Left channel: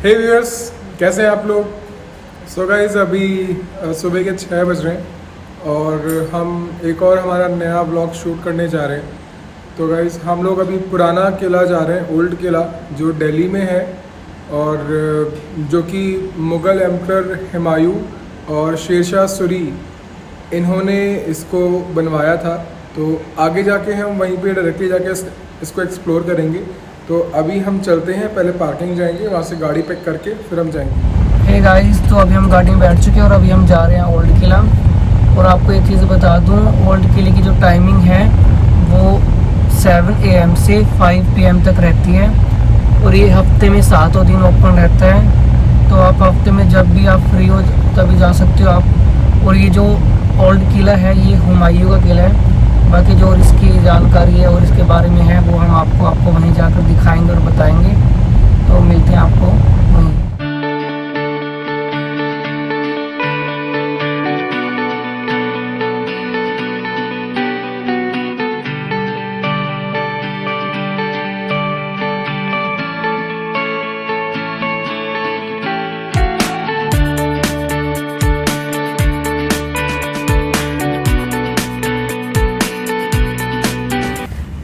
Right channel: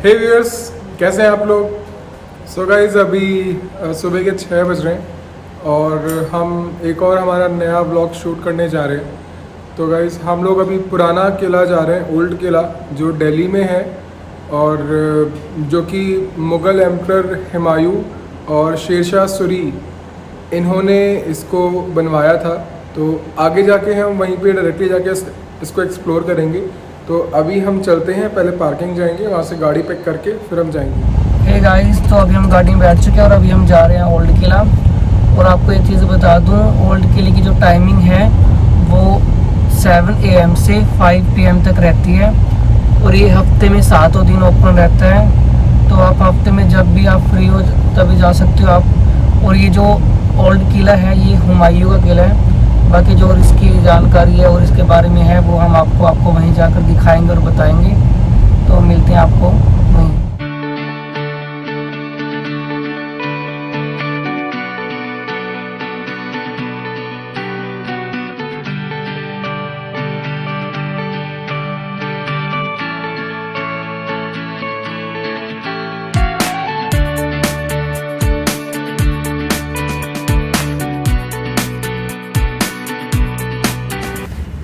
हे viewers, कैसे हैं आप लोग। सो गाइज अभी सुबह के 6 बज रहे हैं और हम एक और हमारा नया ब्लॉग शूट करने जा रहे हैं। तो गाइज हम लोग अभी पुराना किला जा रहे हैं, ओल्ड किला जो दिल्ली में है और जो कि मुग़ल एम्परर हुमायूं और शेरशाह सूरी इन्होंने इसको बनवाया था। तो आगे जाके हम वहीं पे डायरेक्टली जाके इसको एक्सप्लोर करेंगे। तो अभी हम चलते हैं, पहले पार्किंग जाएंगे, वहाँ से गाड़ी पिक करके फिर हम जाएंगे। हे गाइस, तो अभी हम गाड़ी में बैठ चुके हैं और अभी हम जा रहे हैं ओल्ड किला। और आपको एक चीज़ बता दूं, ओल्ड किले की जो टाइमिंग है वो 7 AM से 5 PM तक रहती है और ये हफ्ते में 7 दिन ओपन रहता है। तो आप हफ्ते में जब भी आप फ्री हो तभी जा सकते हो आप। और ये जो ओल्ड किला है ये हुमायूं का किला है। बाकी जो और इसकी जानकारी है और इसके बारे में है वो हम आपको वहीं जाकर दिखाएंगे और बताएंगे। तो मिलते हैं आपको वहीं।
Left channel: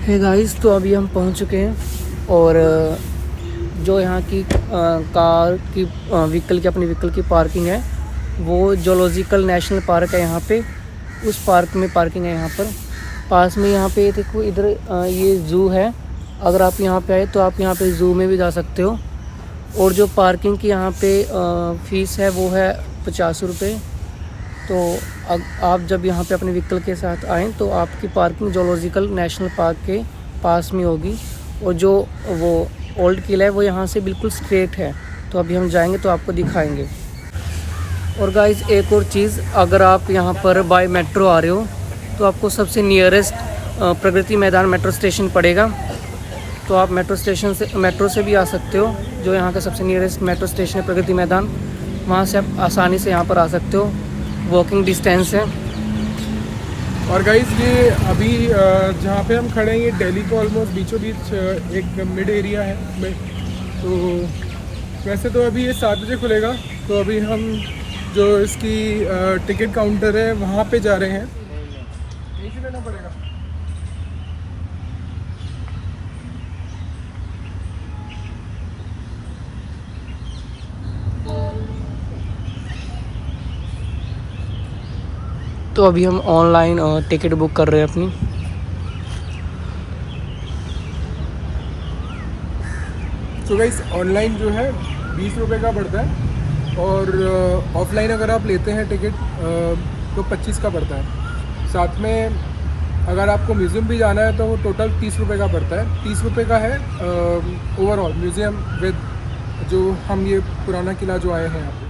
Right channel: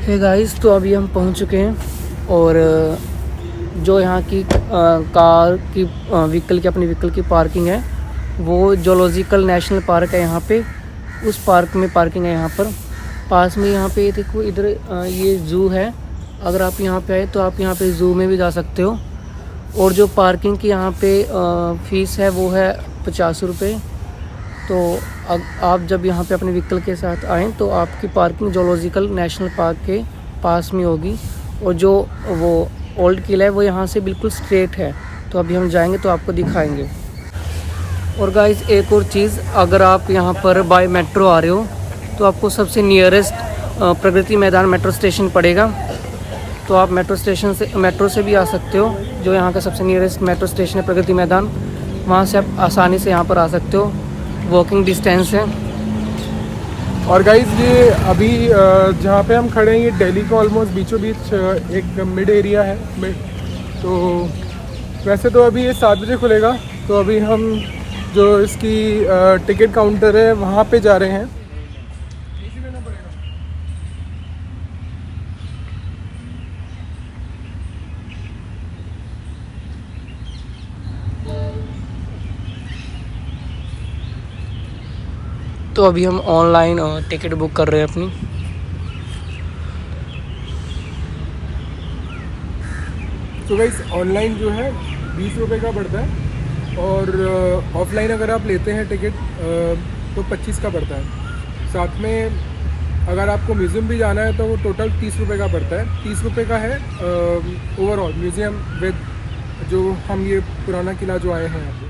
हे गाइस, तो अभी हम पहुंच चुके हैं और जो यहाँ की कार की व्हीकल की अपनी व्हीकल की पार्किंग है वो जूलॉजिकल नेशनल पार्क है। यहाँ पे उस पार्क में पार्किंग है। यहाँ पर पास में यहाँ पे देखो, इधर ये ज़ू है। अगर आप यहाँ पे आए तो आप यहाँ पे ज़ू में भी जा सकते हो। और जो पार्किंग की यहाँ पे फ़ीस है वो है 50 रुपये। तो आप जब यहाँ पे अपने व्हीकल के साथ आएँ तो आपकी पार्किंग जूलॉजिकल नेशनल पार्क के पास में होगी। और जो वो ओल्ड किला है वो यहाँ से बिल्कुल स्ट्रेट है। तो अभी हम जाएंगे तो आपको दिखाएंगे। और गाइस, एक और चीज़, अगर आप यहाँ पर बाय मेट्रो आ रहे हो तो आपको सबसे nearest Pragati Maidan metro station पड़ेगा। तो आप मेट्रो से भी आ सकते हो। जो यहाँ का सबसे नियरेस्ट मेट्रो स्टेशन है प्रगति मैदान, वहाँ से आप आसानी से यहाँ पर आ सकते हो। वॉकिंग डिस्टेंस है। और गाइज ये अभी जहाँ पे हम खड़े हैं ये दिल्ली का ऑलमोस्ट बीचों बीच एक मिड एरिया है। तो वैसे तो अभी ये 7 बजे खुलेगा। तो अभी हम जो इसकी टिकट काउंटर है वहाँ पे जा रहे हैं। लेना पड़ेगा। तो अभी हम ऑनलाइन टिकट बुक कर रहे हैं अपनी। तो गाइस ऑनलाइन जो है 20 रुपये का पड़ता है और ऑफलाइन अगर आप लेते हैं टिकट तो 25 का पड़ता है। साथ में अगर आपको म्यूज़ियम भी जाना है तो वो टोटल 30 रुपये का पड़ता है। 30 रुपये का है ओवरऑल म्यूज़ियम विद जो हम ये पुराना किला जो आए हैं यहाँ पे।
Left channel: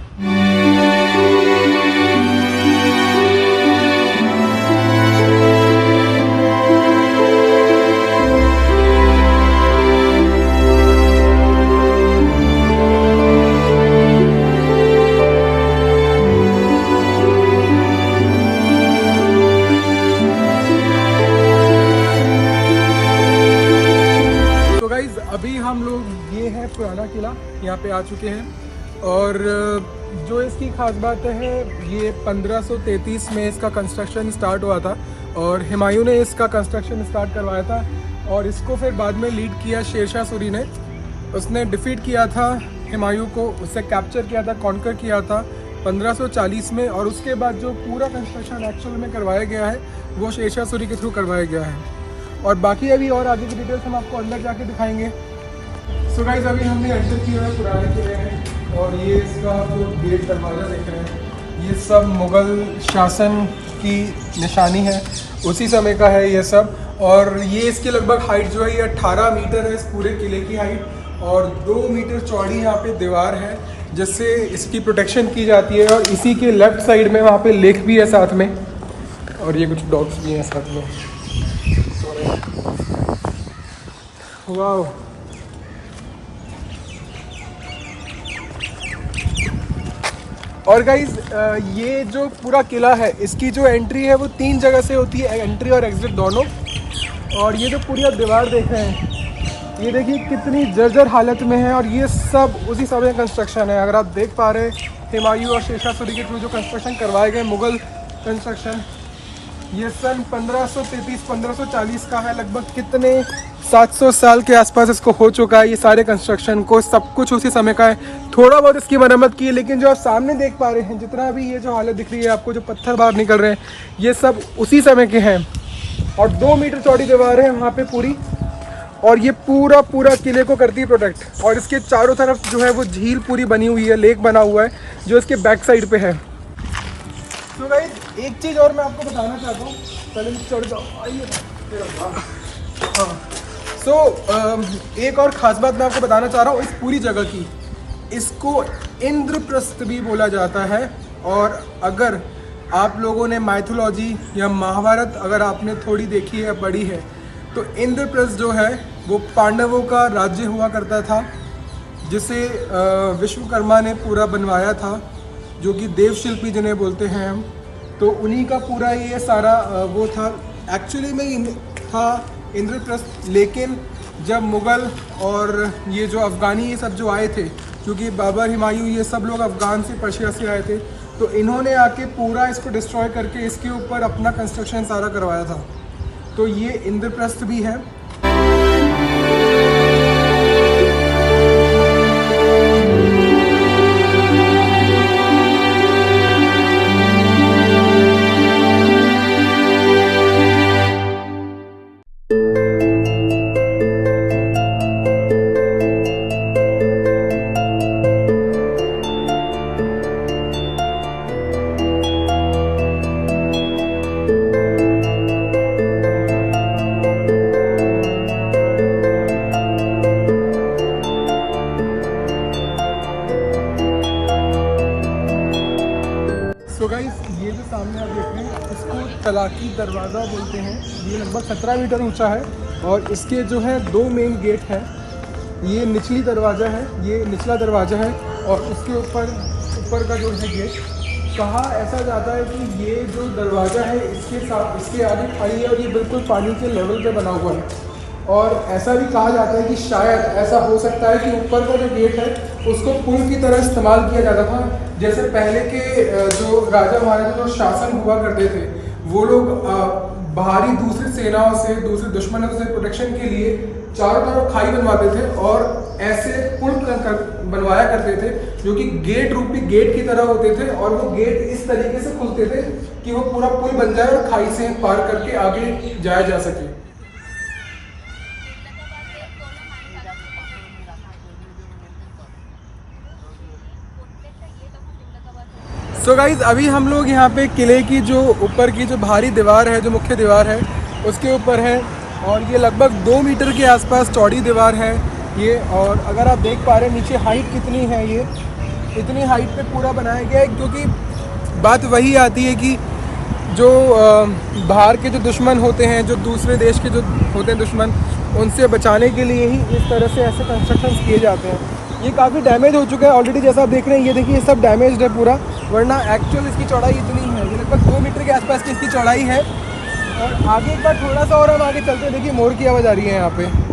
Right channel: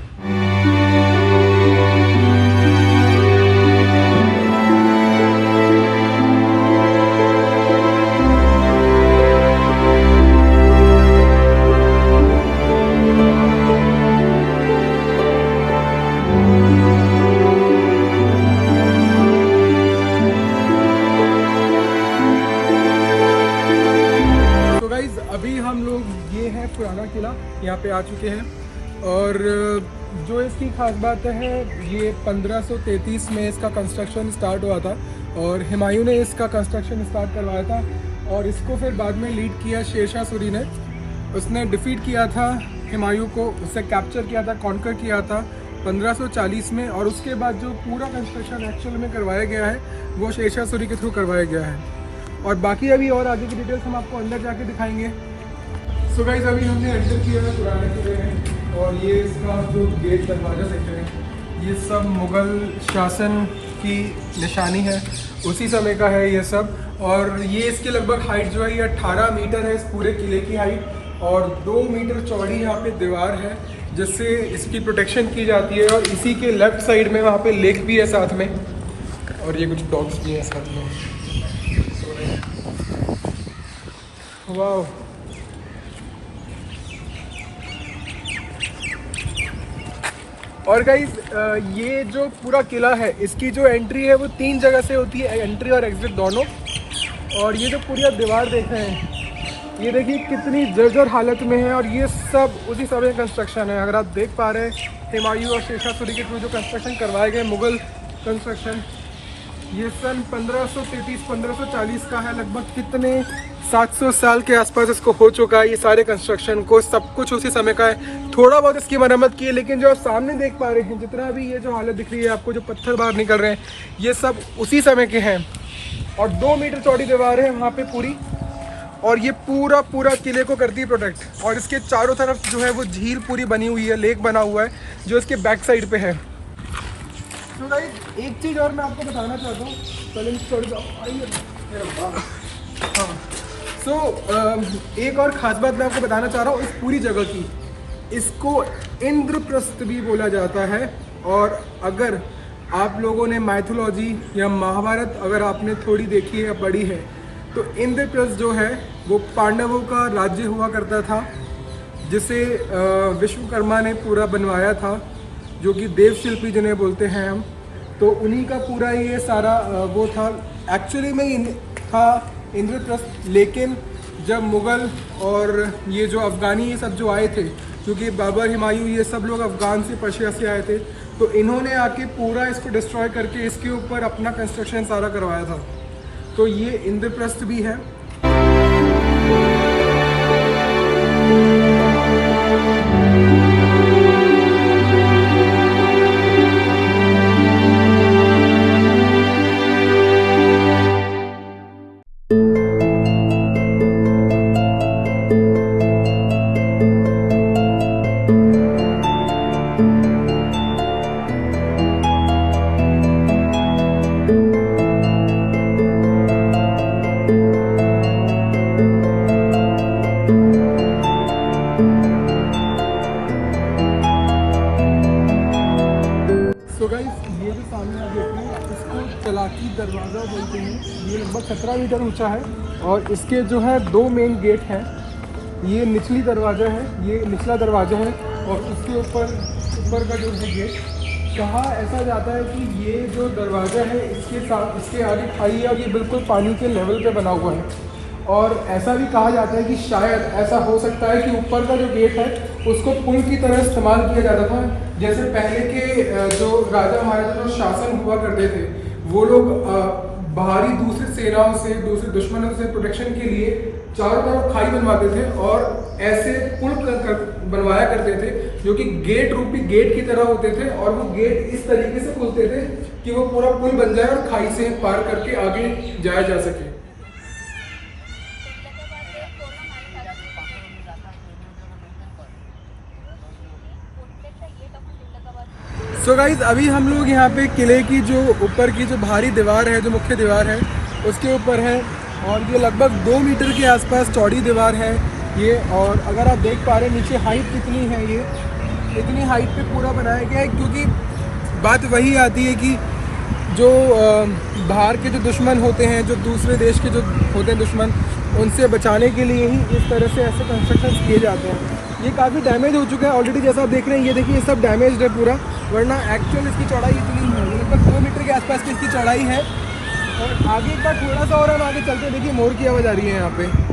अभी हम लोग ये है पुराना किला, यहाँ पे आ चुके हैं। और जो इसकी खास बात है, ये 1533 में इसका कंस्ट्रक्शन स्टार्ट हुआ था और हुमायूं ने इसका कंस्ट्रक्शन स्टार्ट करवाया था। और इसको फिर बाद में लीड किया शेरशाह सूरी ने। उसने डिफीट किया था हुमायूं को, उससे कैप्चर किया था, कॉन्कर किया था 1540 में। और उसके बाद जो पूरा कंस्ट्रक्शन एक्चुअल में करवाया गया है वो शेरशाह सूरी के थ्रू करवाया गया है। और बाकी अभी और आगे की डिटेल्स हम आपको अंदर जाके दिखाएंगे। सो गाइस, अभी हमने एंटर किया है पुराने किले में और ये इसका जो गेट दरवाज़ा देख रहे हैं ये सब मुग़ल शासन की निशानी है, उसी समय का है ये सब। और ये इसकी लगभग हाइट जो है ये 18 मीटर है, इस पूरे किले की हाइट। और 2 मीटर चौड़ी यहाँ पे दीवार है जिससे इसकी प्रोटेक्शन की जाती है। और इसी के लेफ़्ट साइड में वहाँ पे लेक भी है साथ में। और ये कुछ डॉग्स भी हैं साथ में। वाह, और गाइज ये जो पूरा किला है इसकी जो एंट्री है वो 3 जगह से होती है, एंट्री और एग्जिट दोनों। और ये जो पूरी आप दीवार देख रहे हैं ये देखिए कितनी जर्जर हालत में है, और ये सब उसी समय कंस्ट्रक्शन है। अगर आप देख पा रहे हैं हुमायूं और शेरशाह सूरी के थ्रू जो कंस्ट्रक्शन करवाए गए मुग़ल कंस्ट्रक्शन, ये सन 1533-1540 का है। लगभग कितने 700 साल के आसपास इसको हो चुका है। ये सारे कंस्ट्रक्शन को सब कुछ उसी समय का है। थोड़ा बहुत इसकी मरम्मत की है, लेकिन जो आप सामने देख पा रहे हैं, जितना भी ये जो हालत दिख रही है आपको, जो पत्थर बाहर निकल रहे हैं, ये सब उसी समय के हैं। और 2 मीटर चौड़ी दीवार है वहाँ पे पूरी, और ये पूरा किले को करती है प्रोटेक्ट। और इसके चारों तरफ जो है वो झील पूरी बनी हुई है, लेक बना हुआ है जो इसके बैक साइड पे है। तो गाइस एक चीज़ और मैं आपको बताना चाहता हूँ, पहले चौड़ी एक और ख़ास बात मैं आपको बताना चाह रहा हूँ इस पूरी जगह की। इसको इंद्रप्रस्थ भी बोला जाता है। और अगर आप लोगों ने माइथोलॉजी या महाभारत अगर आपने थोड़ी देखी है या पढ़ी है, तो इंद्रप्रस्थ जो है वो पांडवों का राज्य हुआ करता था, जिसे विश्वकर्मा ने पूरा बनवाया था, जो कि देवशिल्पी जिन्हें बोलते हैं हम। तो उन्हीं का पूरा ये सारा वो था। एक्चुअली में था इंद्रप्रस्थ, लेकिन जब मुग़ल और ये जो अफ़गानी ये सब जो आए थे, क्योंकि बाबर, हुमायूं, ये सब लोग अफ़गान से, पर्शिया से आए थे, तो इन्होंने आके पूरा इसको डिस्ट्रॉय करके इसके ऊपर अपना कंस्ट्रक्शन सारा करवाया था। तो ये इंद्रप्रस्थ भी है। तो गाइस ये जो सामने आप देख रहे हैं, इसको तलाकी दरवाज़ा बोलते हैं। ये लगभग 17 मीटर ऊंचा है, और इसके जो है 2 मेन गेट हैं। ये निचली दरवाज़ा है, ये निचला दरवाज़ा है, और उसके ऊपर का जो है गेट। कहा ऐसा जाता है कि ये जो दरवाज़ा है इसके साथ इसके आगे खाई है, और ये बिल्कुल पानी के लेवल पे बना हुआ है। और ऐसा भी कहा जाता है कि शायद ऐसा हो सकता है कि ऊपर का जो गेट है उसको पुल की तरह इस्तेमाल किया जाता था। जैसे पहले के जो राजा महाराजा जो शासन हुआ करते थे, वो लोग बाहरी दूसरी सेनाओं से, दूसरे दुश्मनों से प्रोटेक्शन के लिए चारों तरफ खाई बनवाते थे, और ऐसे पुल बनवाया करते थे, जो कि गेट रूपी गेट की तरह होते थे। और वो गेट इस तरीके से खुलते थे कि वो पूरा पुल बन जाए और खाई से पार करके आगे जाया जा सके। सो गाइज अभी हम लोग यहाँ पे किले की जो ऊपर की जो बाहरी दीवार है, जो मुख्य दीवार है, उसके ऊपर है। और ये लगभग 2 मीटर के आसपास चौड़ी दीवार है ये। और अगर आप देख पा रहे हैं नीचे हाइट कितनी है, ये इतनी हाइट पे पूरा बनाया गया है, क्योंकि बात वही आती है कि जो बाहर के जो दुश्मन होते हैं, जो दूसरे देश के जो होते हैं दुश्मन, उनसे बचाने के लिए ही इस तरह से ऐसे कंस्ट्रक्शंस किए जाते हैं। ये काफ़ी डैमेज हो चुका है ऑलरेडी, जैसा आप देख रहे हैं। ये देखिए ये सब डैमेज है पूरा, वरना एक्चुअल इसकी चौड़ाई इतनी है। ये लगभग 2 मीटर के आसपास की इसकी चौड़ाई है। और आगे एक बार थोड़ा सा और हम आगे चलते हैं, देखिए मोर की आवाज़ आ रही है यहाँ पे।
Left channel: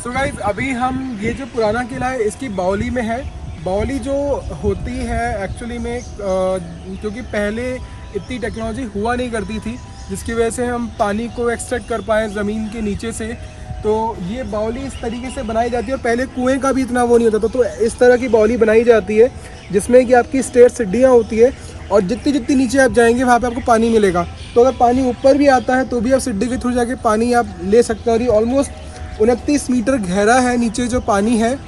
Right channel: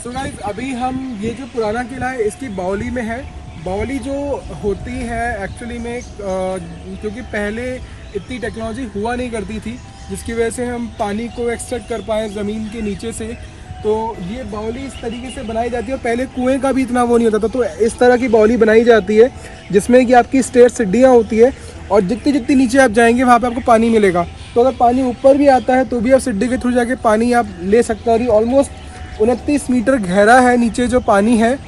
तो गाइस अभी हम ये जो पुराना किला है इसकी बावली में है। बावली जो होती है एक्चुअली में क्योंकि पहले इतनी टेक्नोलॉजी हुआ नहीं करती थी, जिसकी वजह से हम पानी को एक्सट्रैक्ट कर पाएँ ज़मीन के नीचे से, तो ये बावली इस तरीके से बनाई जाती है। और पहले कुएं का भी इतना वो नहीं होता था, तो इस तरह की बावली बनाई जाती है जिसमें कि आपकी स्टेयर सीढ़ियाँ होती है और जितनी जितनी नीचे आप जाएंगे वहाँ पे आपको पानी मिलेगा। तो अगर पानी ऊपर भी आता है तो भी आप सीढ़ी के थ्रू जाके पानी आप ले सकते हो। और ये ऑलमोस्ट 29 मीटर गहरा है नीचे जो पानी है,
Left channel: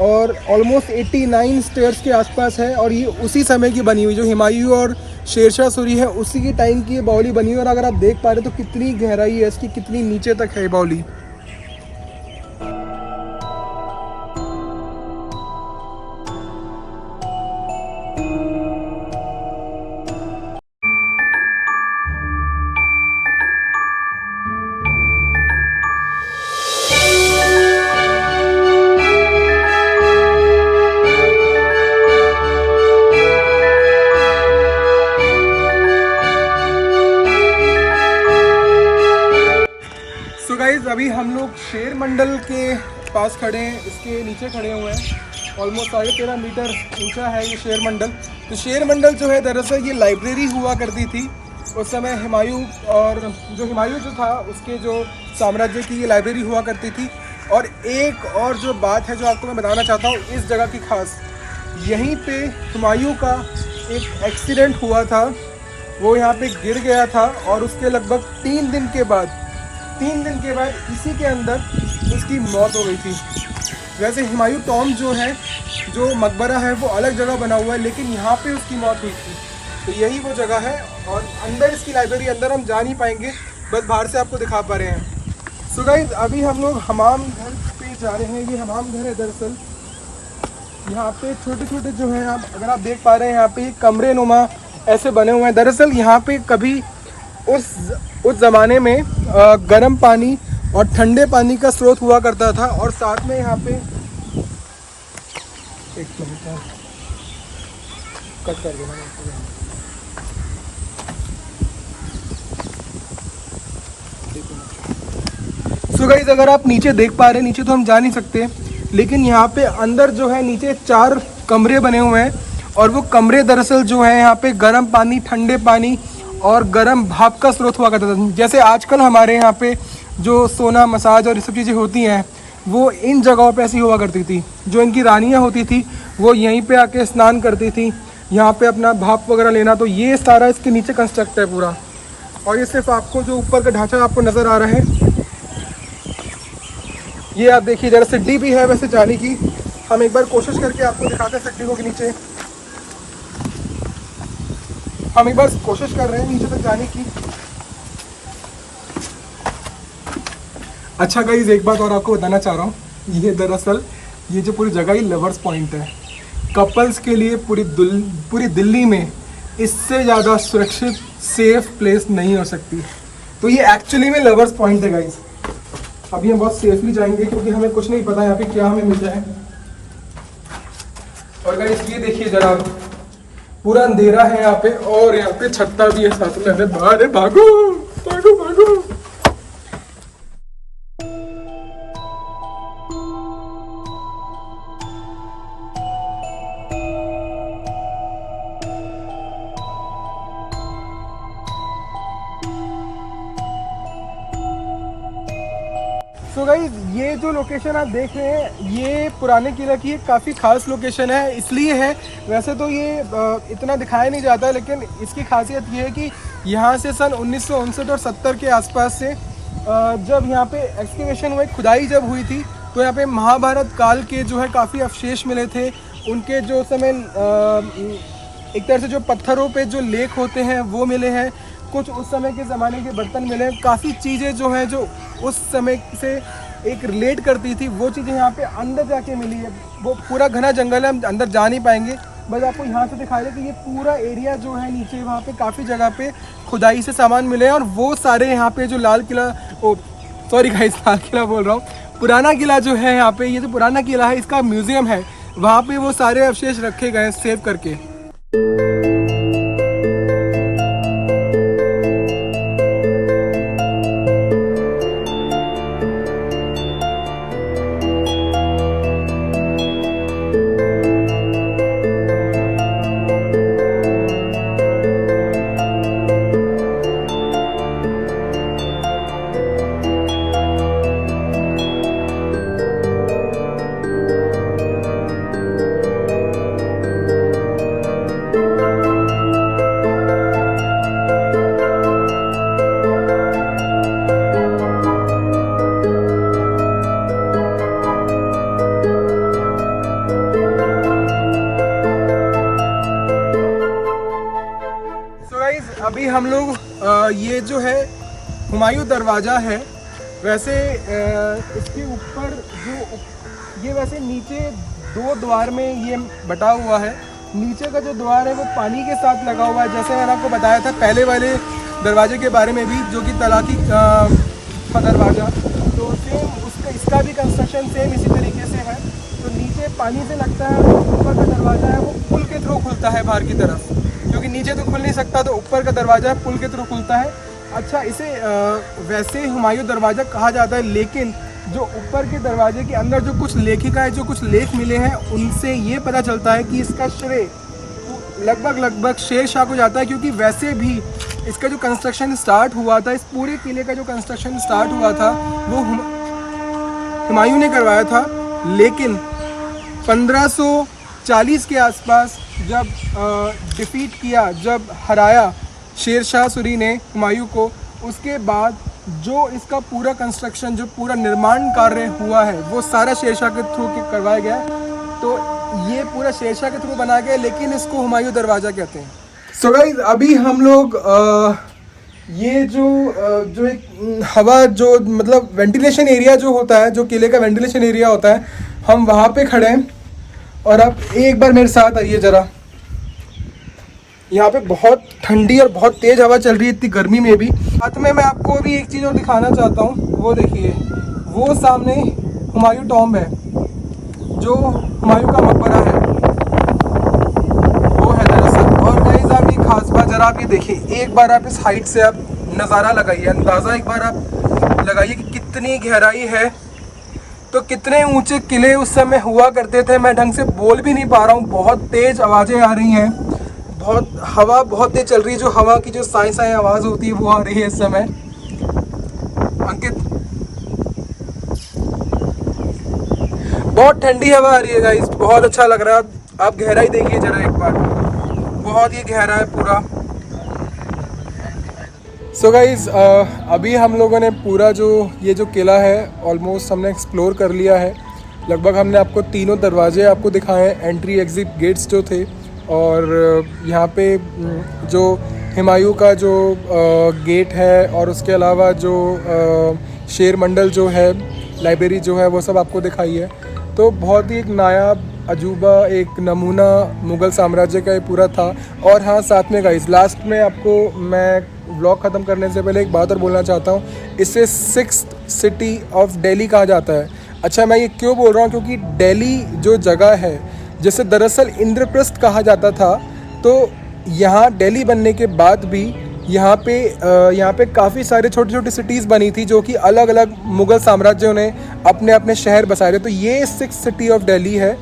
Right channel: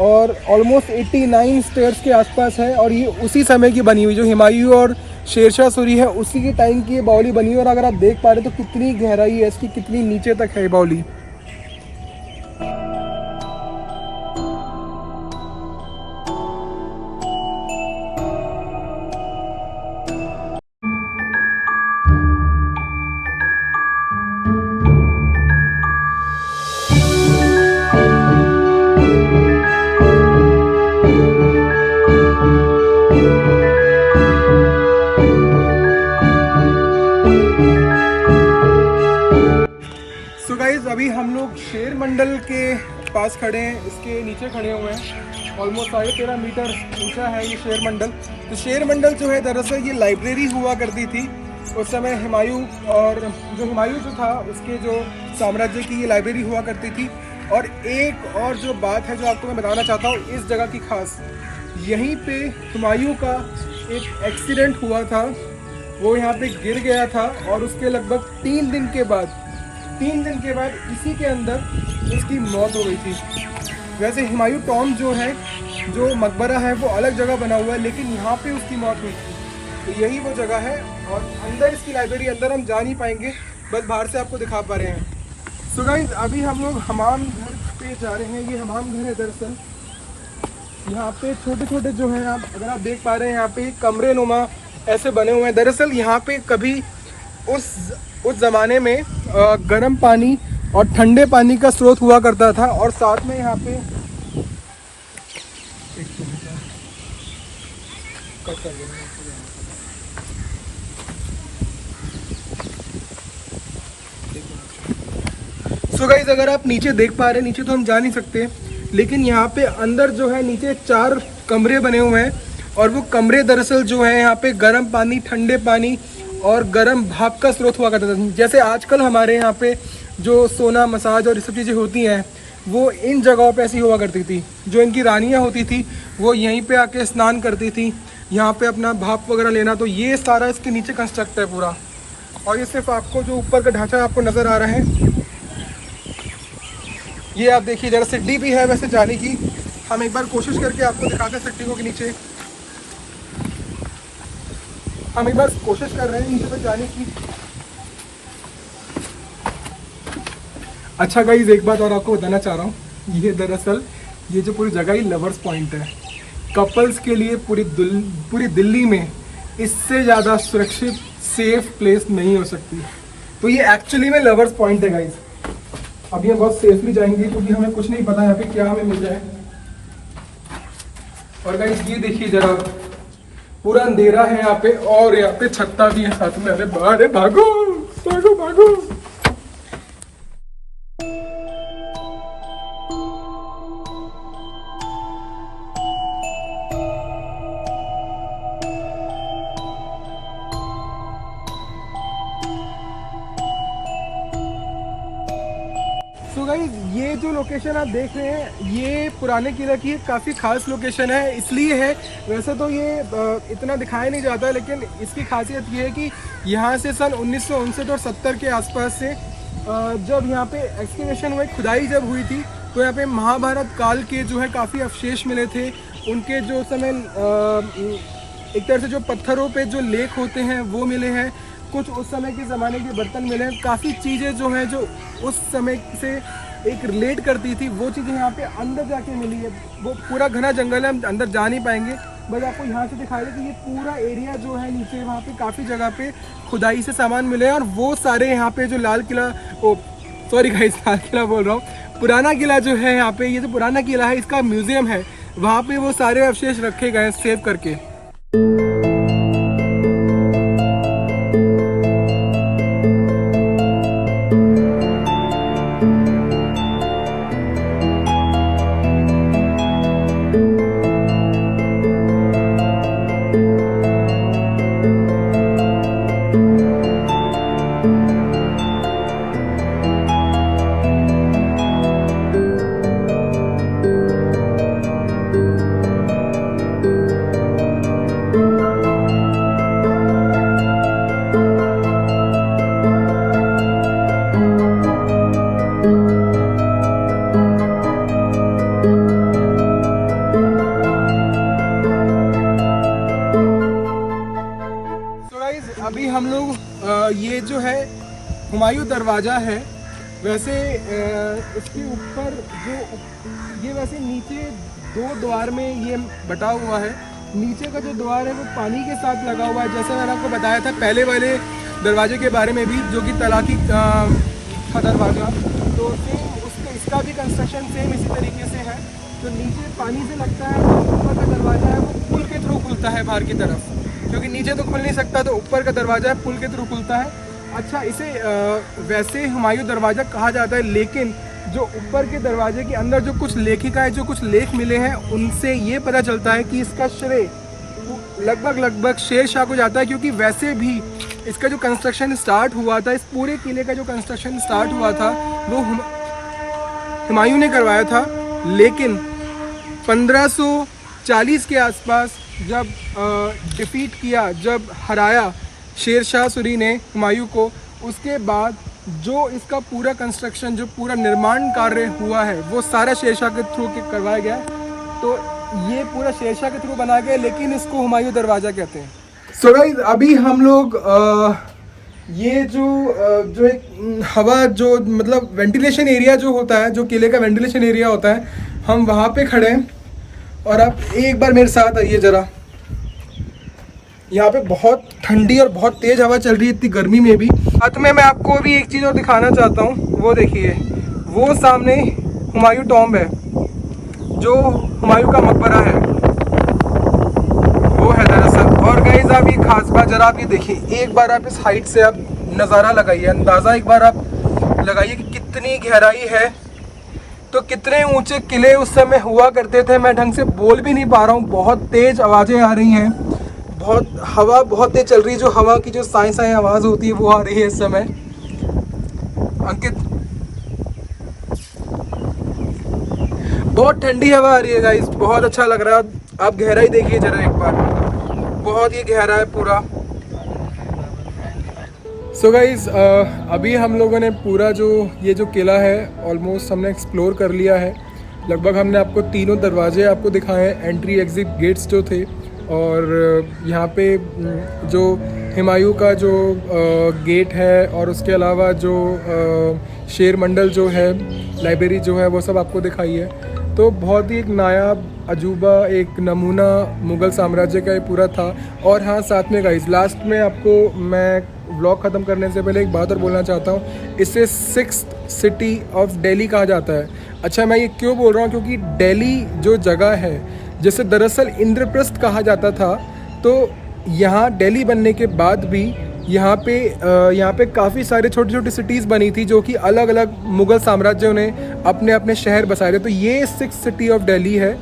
और ऑलमोस्ट 89 स्टेयर्स के आसपास है। और ये उसी समय की बनी हुई, जो हुमायूं और शेरशाह सूरी है उसी के टाइम की ये बावली बनी हुई है। और अगर आप देख पा रहे हो तो कितनी गहराई है इसकी, कितनी नीचे तक है बावली। सो गाइज अभी हम लोग शेर मंडल के पास खड़े हैं, इसके नीचे खड़े हुए हैं। ऑलमोस्ट 13.5 मीटर ऊंचा है ये शेर मंडल। तो शेर मंडल जो है दरअसल ये लाइब्रेरी हुआ करती थी उस समय। हुमायूं जो था उसके जो साम्राज्य की ये लाइब्रेरी हुआ करती थी। और एक और जो बात है जो आपको मैं बताना चाहता हूँ इस जगह की खास, यहीं पे हुमायूं का एक एक्सीडेंट हुआ था, वो यहाँ पे गिर गया था और उसके लगभग 3 दिन के बाद इसी के अंदर उसकी मौत हो गई थी। वैसे हुमायूं टॉम जो है, जो मकबरा है, वो अलग जगह बना हुआ है, लेकिन यहाँ पे उसकी मौत हुई थी। तो यही वो जगह है। और अंदर इसकी लाइब्रेरी, अंदर हम जा नहीं पाएंगे, बस बाहर से आपको दिखा पा रहे हैं। सो गाइज अभी हम लोग हमाम घर पे जा रहे हैं। ये हमाम घर है दरअसल। यहाँ पे छोटे छोटे जो हैं, आप अगर आप देख पा रहे हैं यहाँ पे कमरे नुमा ऐसे बने हुए हैं। दरअसल यहाँ पे कभी उस ज़माने में गर्म पानी और ठंडे पानी का स्रोत हुआ करता था। और साथ में यहाँ पे कट कर देना। सो गाइस अगर आप नीचे देख पा रहे हैं, नीचे तो हम जा नहीं सकते, लेकिन यहाँ पे अंदर जो है नीचे 4 कमरे बने हुए हैं। और वो कमरे दरअसल जो है यहाँ पे गर्म पानी, ठंडे पानी और गर्म भाप का स्रोत हुआ करता था। जैसे आजकल हमारे यहाँ पे जो सोना, मसाज और ये सब चीज़ें होती हैं, वो इन जगहों पे ऐसी हुआ करती थी। जो इनकी रानियाँ होती थी वो यहीं पे आके स्नान करती थी, यहाँ पे अपना भाप वगैरह लेना। तो ये सारा इसके नीचे कंस्ट्रक्ट है पूरा। और ये सिर्फ आपको जो ऊपर का ढांचा आपको नज़र आ रहा है, ये आप देखिए जरा सीढ़ी भी है वैसे जाने की। हम एक बार कोशिश करके आपको दिखाते हैं सीढ़ी के नीचे। हम एक बार कोशिश कर रहे हैं नीचे तक जाने की। अच्छा गाइस एक बात और आपको बताना चाह रहा हूँ, ये दरअसल ये जो पूरी जगह ही लवर्स पॉइंट है। कपल्स के लिए पूरी दिल्ली में इससे ज़्यादा सुरक्षित, सेफ प्लेस नहीं हो सकती। तो ये एक्चुअली में लवर्स पॉइंट है गाइस। अभी हम बहुत सेफली जाएंगे क्योंकि हमें कुछ नहीं पता यहाँ पे क्या हमें मिल जाए। और गाइस ये देखिए जरा, पूरा अंधेरा है यहाँ पे और यहाँ पे छत्ता भी है साथ में। अरे भागो भागो भागो। तो गाइस ये जो लोकेशन आप देख रहे हैं, ये पुराने किला की काफ़ी खास लोकेशन है। इसलिए है, वैसे तो ये इतना दिखाया नहीं जाता, लेकिन इसकी खासियत ये है कि यहाँ से सन 1959 और 70 के आसपास से जब यहाँ पे एक्सकेवेशन हुई, खुदाई जब हुई थी, तो यहाँ पे महाभारत काल के जो है काफ़ी अवशेष मिले थे। उनके जो समय एक तरह से जो पत्थरों पे जो लेख होते हैं वो मिले हैं। कुछ उस समय के ज़माने के बर्तन मिले हैं। काफ़ी चीज़ें जो हैं जो उस समय से एक रिलेट करती थी, वो चीज़ें यहाँ पे अंदर जाके मिली है। वो पूरा घना जंगल है, हम अंदर जा नहीं पाएंगे, बस आपको यहाँ से दिखाई दे कि ये पूरा एरिया जो है नीचे, वहाँ पे काफ़ी जगह पे खुदाई से सामान मिले हैं। और वो सारे यहाँ पे जो लाल किला, सॉरी गाइस, लाल किला बोल रहा हूँ, पुराना किला जो है यहाँ पे, ये जो पुराना किला है इसका म्यूज़ियम है, वहाँ पे वो सारे अवशेष रखे गए सेव करके। अभी हम लोग ये जो है हुमायूं दरवाज़ा है, वैसे इसके ऊपर जो ये वैसे नीचे 2 द्वार में ये बटा हुआ है। नीचे का जो द्वार है वो पानी के साथ लगा हुआ है, जैसे मैंने आपको बताया था पहले वाले दरवाजे के बारे में भी, जो कि तलाकी का दरवाज़ा, तो सेम उसका इसका भी कंस्ट्रक्शन सेम इसी तरीके से है। तो नीचे पानी से लगता है, तो ऊपर का दरवाज़ा है वो पुल के थ्रू खुलता है बाहर की तरफ, क्योंकि नीचे तो खुल नहीं सकता, तो ऊपर का दरवाज़ा है पुल के थ्रू खुलता है। अच्छा, इसे वैसे हुमायूं दरवाज़ा कहा जाता है, लेकिन जो ऊपर के दरवाजे के अंदर जो कुछ लेखिकाएँ, जो कुछ लेख मिले हैं, उनसे ये पता चलता है कि इसका श्रेय लगभग शेर शाह को जाता है, क्योंकि वैसे भी इसका जो कंस्ट्रक्शन स्टार्ट हुआ था, इस पूरे किले का जो कंस्ट्रक्शन स्टार्ट हुआ था वो हुमायूं ने करवाया था। लेकिन 1540 के आसपास जब डिफीट किया, जब हराया शेर शाह सूरी ने हुमायूं को, उसके बाद जो इसका पूरा कंस्ट्रक्शन, जो पूरा निर्माण कार्य हुआ है, वो सारा शेर शाह के थ्रू करवाया गया। तो ये पूरा शेर शाह के थ्रू बनाया गया, लेकिन इसको हुमायूं दरवाज़ा कहते हैं। सो गाइस, अभी हम लोग ये जो एक हवा, जो मतलब वेंटिलेशन एरिया जो होता है, जो किले का वेंटिलेशन एरिया होता है, हम वहाँ पे खड़े हैं। और आप एक बार मेरे साथ आइए ज़रा। यहाँ पे बहुत ठंडी और बहुत तेज़ हवा चल रही है, इतनी गर्मी में भी। साथ में मैं आपको भी एक चीज़ और दिखाना चाहता हूँ, वो देखिए, वो सामने हुमायूं टॉम्ब है, जो हुमायूं का मकबरा है, वो है दरअसल। और गाइस, आप ये खास बात जरा आप ये देखिए, एक बार आप इस हाइट से आप नज़ारा लगाइए, अंदाज़ा एक बार आप लगाइए कि कितनी गहराई है। तो कितने ऊंचे किले उस समय हुआ करते थे, मैं ढंग से बोल भी नहीं पा रहा हूँ, बहुत तेज़ आवाज़ें आ रही हैं, बहुत हवा बहुत तेज़ चल रही है, जो हवा की जो साई साई आवाज़ होती है वो आ रही है इस समय। अंकित, बहुत ठंडी हवा आ रही है गाइस, बहुत अच्छा लग रहा है। आप गहराई देखिए जरा एक बार, बहुत ही गहरा है पूरा। सो गाइस, अभी हम लोगों ने पूरा ये जो किला है ऑलमोस्ट हमने एक्सप्लोर कर लिया है। लगभग हमने आपको तीनों दरवाजे आपको दिखाए हैं, एंट्री एग्ज़िट गेट्स जो थे, और यहाँ पे जो हुमायूं का जो गेट है, और उसके अलावा जो शेर मंडल जो है, लाइब्रेरी जो है, वो सब आपको दिखाई है। तो बहुत ही एक नायाब अजूबा, एक नमूना मुग़ल साम्राज्य का ये पूरा था। और हाँ, साथ में गाइस, लास्ट में आपको मैं व्लॉग ख़त्म करने से पहले एक बात और बोलना चाहता हूँ, इसे 6th सिटी ऑफ दिल्ली कहा जाता है। अच्छा, मैं ये क्यों बोल रहा हूँ, क्योंकि दिल्ली जो जगह है, जिसे दरअसल इंद्रप्रस्थ कहा जाता था, तो यहाँ दिल्ली बनने के बाद भी यहाँ पे काफ़ी सारे छोटी छोटी सिटीज़ बनी थी, जो कि अलग अलग मुग़ल साम्राज्यों ने अपने अपने शहर बसाए थे। तो ये 6th सिटी ऑफ दिल्ली है।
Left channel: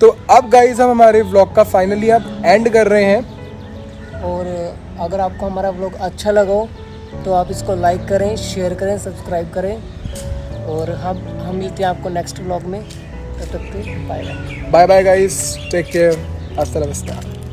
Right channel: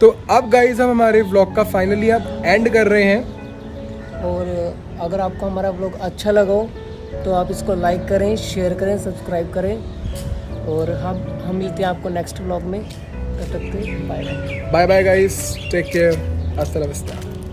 तो अब गाइस, हम हमारे व्लॉग का फाइनली अब एंड कर रहे हैं। और अगर आपको हमारा व्लॉग अच्छा लगा हो तो आप इसको लाइक करें, शेयर करें, सब्सक्राइब करें। और हम मिलते हैं आपको नेक्स्ट व्लॉग में। तब तक के bye bye. Bye bye guys, take care, हasta la vista।